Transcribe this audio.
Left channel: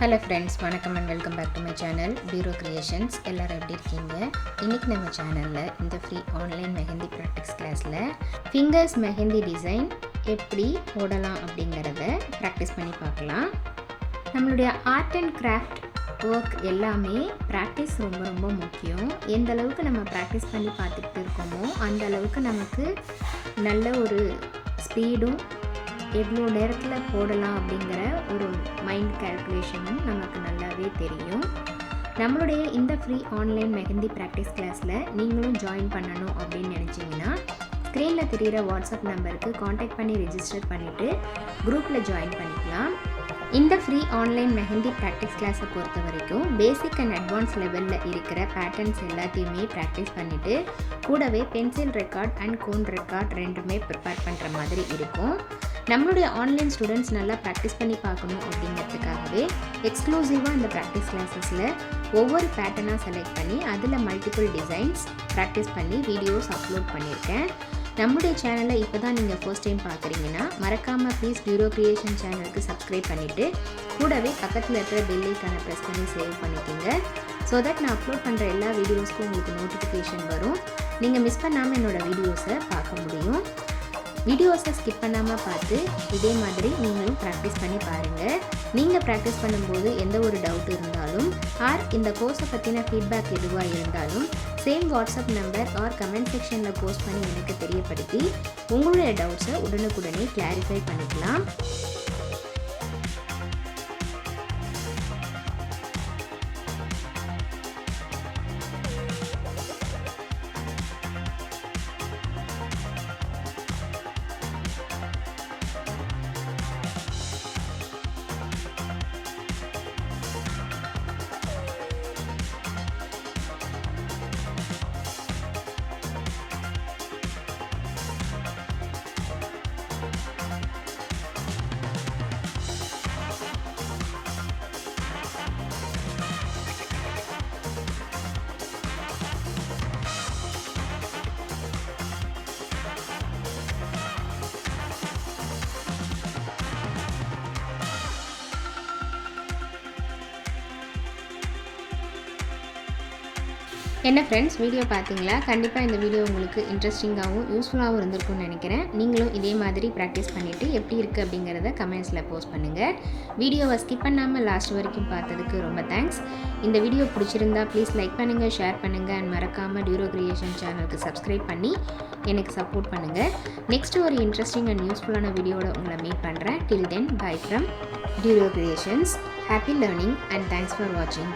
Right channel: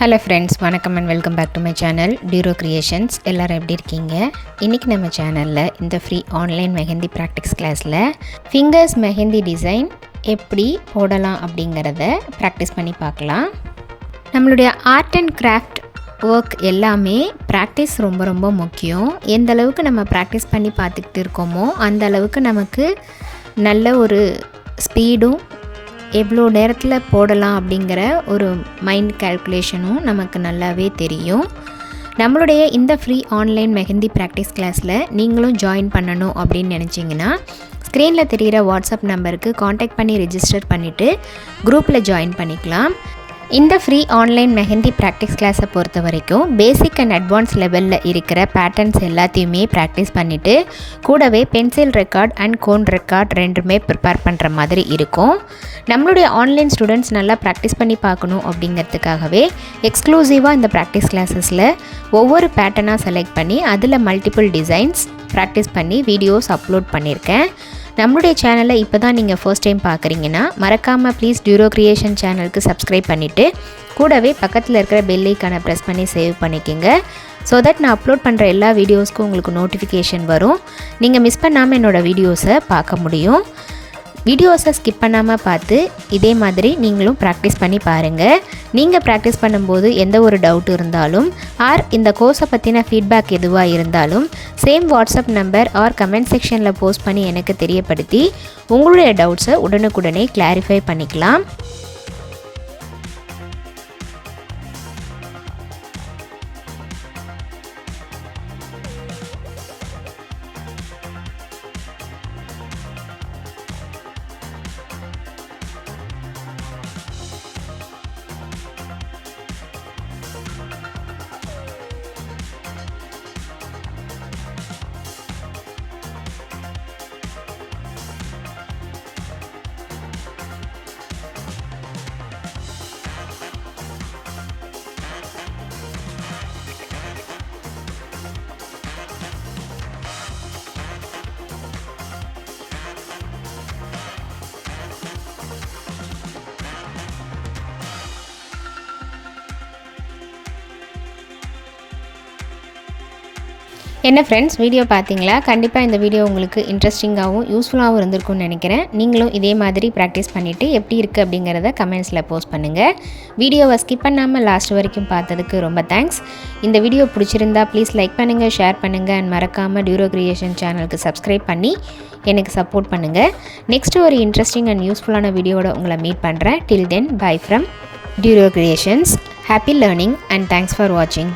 Hello friends, வணக்கம் and welcome back to my channel Duro Creations. எல்லாரும் எப்படி இருக்கீங்க? இன்னைக்கு நம்ம சேனல்ல இந்த ஃப்ரீ ஆன்லைன் மெஹந்தி பிராக்டிஸ் கிளாஸ்ல fingers மெஹந்தி டிசைன் எப்படி போடலாம் அப்படிங்கறத பிராக்டிஸ் பண்ணி பார்க்கலாம். நம்மளுடைய ஆர்ட் அண்ட் கிராஃப்ட் ஒர்க் எல்லாமே பிராக்டிஸ் ரொம்ப முக்கியம். எந்த அளவுக்கு நம்ம பிராக்டிஸ் பண்ணி பார்த்துக்கிட்டு இருக்கோமோ அந்த அளவுக்கு நமக்கு நல்ல ஒரு ஸ்பீடும் எவ்வளோ நேரத்தில் போடலாம் அப்படிங்கிற ஒரு மைண்ட் கால்குலேஷனும் நமக்கு நல்லாவே தெரியும். நம்மளுடைய இந்த ஃப்ரீ ஆன்லைன் மெஹந்தி ப்ராக்டிஸ் கிளாஸில் நீங்களும் ஜாயின் பண்ணணும் அப்படின்னு நினச்சிங்கன்னா ஸ்க்ரீனில் தெரிகிற வாட்ஸ்அப் நம்பருக்கு காண்டாக்ட் பண்ணி ரெஜிஸ்டர் பண்ணிவிட்டு குரூப்பில் ஜாயின் பண்ணிக்கலாம். இந்த ஃப்ரீ ஆன்லைன் மெஹந்தி ப்ராக்டிஸ் கிளாஸை பொறுத்த வரைக்கும் பேசிக் அண்ட் அட்வான்ஸ் லெவலில் இருக்கிற பேட்டர்ன்ஸ் எல்லாத்தையுமே ப்ராக்டிஸ் பண்ணிவிட்டு கூடவே pencil record and cone record ரெண்டுமே ப்ரிப்பேர் பண்ணுற மாதிரி இருக்கும். நம்மளுடைய ஆன்லைன் ஸ்டூடெண்ட்ஸ் நல்லா ப்ராக்டிஸ் பண்ணி பார்க்கணும் அப்படிங்கிறதுக்காகவே எக்ஸ்க்ளூசிவாக இந்த ப்ராக்டிஸ் கிளாஸஸில் ஒவ்வொரு பேட்டர்னாக செலக்ட் பண்ணி அதில் மல்டிபிள் டிசைன்ஸ் ப்ராக்டிஸ் பண்ணி வீடியோஸ் அப்லோட் பண்ணியிருக்கேன். நம்மளுடைய சேனலை இப்போ தான் நீங்கள் ஃபர்ஸ்ட் டைம் பார்க்குறீங்கன்னா மறக்காமல் ப்ளீஸ் டியூரோ கிரியேஷன் சேனலுக்கு சப்ஸ்கிரைப் பண்ணிவிட்டு கூடவே பக்கத்தில் இருக்கிற பெல் ஐக்கானை ப்ரெஸ் பண்ணி சேவ் பண்ணிக்கோங்க. ஸோ தட் நான் அப்லோட் பண்ணுற எல்லா வீடியோஸ்க்கும் உங்களுக்கு நோட்டிஃபிகேஷன் வரும். நீங்கள் மிஸ் பண்ணாமல் என்னோடய வீடியோஸை பார்க்க முடியும். வீடியோஸை ஸ்கிப் பண்ணாமல் பார்த்து இதே மாதிரி நீங்களும் ப்ராக்டிஸ் பண்ணி பாருங்கள். நீங்கள் ப்ராக்டிஸ் பண்ணும்போது எந்த ஒரு டவுட் இருந்தாலும் ஆர் இந்த கோர்ஸை பற்றின ஃபீட்பேக் எதுவாக இருந்தாலும் same WhatsApp number or comment செக்ஷனில் போஸ்ட் பண்ணி எனக்கு தெரியப்படுத்தி உங்களுடைய டவுட்ஸை உடனுக்குடனே கிளாரிஃபை பண்ணிக்கலாம். என்ன ஃப்ரெண்ட்ஸ், வீடியோ பார்த்தீங்களா? கண்டிப்பாக இந்த வீடியோ உங்களுக்கு இன்ட்ரெஸ்டிங்காகவும் யூஸ்ஃபுல்லாகவும் இருந்திருக்கும்னு நினைக்கிறேன். நீங்களும் இதே மாதிரி ப்ராக்டிஸ் பண்ணிவிட்டு எப்படி இருக்குது அப்படிங்கிறத கமெண்ட்ஸில் போஸ்ட் பண்ணுங்கள். வீடியோவை ஸ்கிப் பண்ணாமல் லாஸ்ட் வரைக்கும் பார்த்ததுக்கு ரொம்ப தேங்க்ஸ். இந்த வீடியோ பிடிச்சிருந்தா ப்ளீஸ் லைக் பண்ணுங்கள், ஷேர் பண்ணுங்கள் அண்ட் மறக்காமல் டியூரோ கிரியேஷன் சேனலுக்கு சப்ஸ்கிரைப் பண்ணி எனக்கு சப்போர்ட் பண்ணுங்கள். நெக்ஸ்ட்டு ஒரு இன்ட்ரெஸ்டிங் அண்ட் யூஸ்ஃபுல்லான வீடியோவோட உங்களை மீட் பண்ணுறேன். Till then, bye from Duro creations. Happy learning and thanks for வாட்சிங்.